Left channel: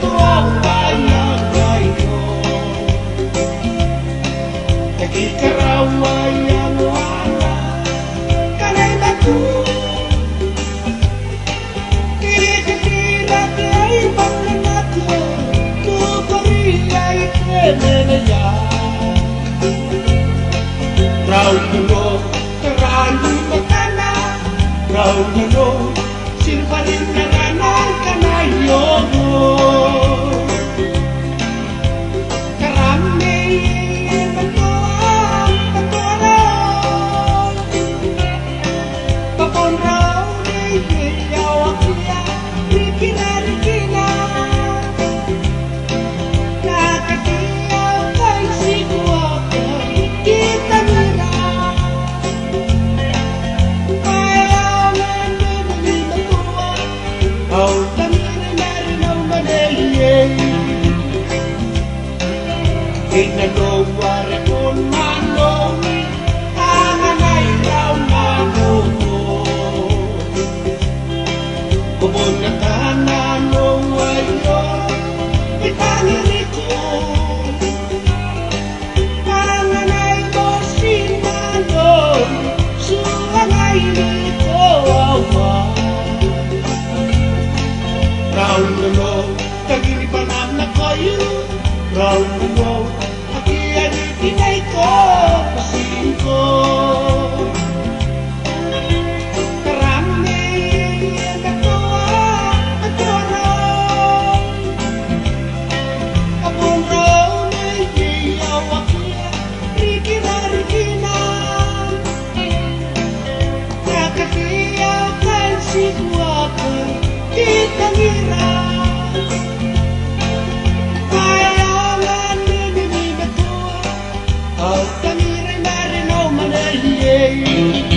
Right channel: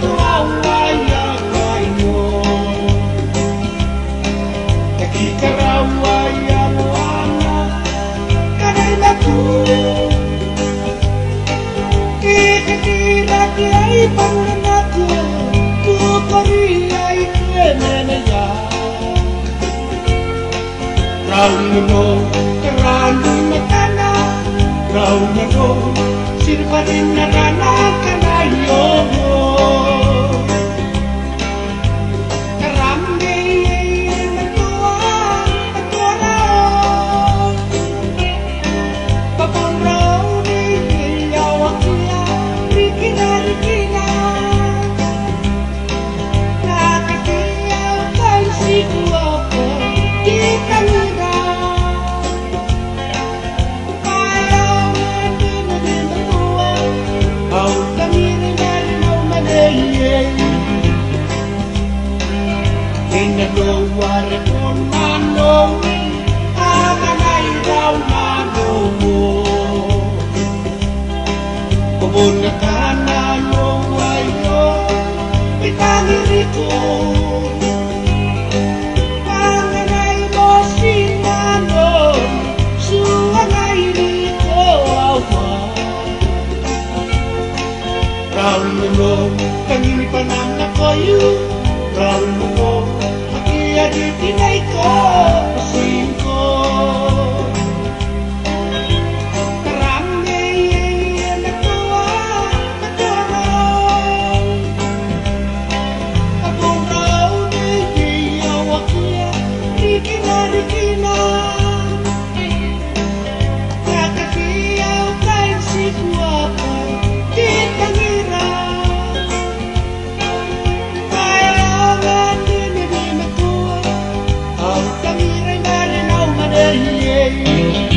tua waya ngayo Taki karawa yang wana Kanay batu Kikatirat ay panganatyo Tukari ay kenenaya Raun no karani matana Raun no sirparin narana kanayo Karami mentuang petuarang Papon raw ni yawakia rikina Nakatiyaw kay sikuapa kita nira Inano ware pon mano Anganay raw mano mo Kubunatan ano ayo Itangiriko Anganay mo sinano Suangay nito awa Raw mo Tanginipanam na kayo Raw mo Tinay ko, pasing ko Karami nagtuwa, maturong Kapon raw ni yawakia, rikina Nakatiyaw kay si guwapa, kitangira Au tangiray marinaw manay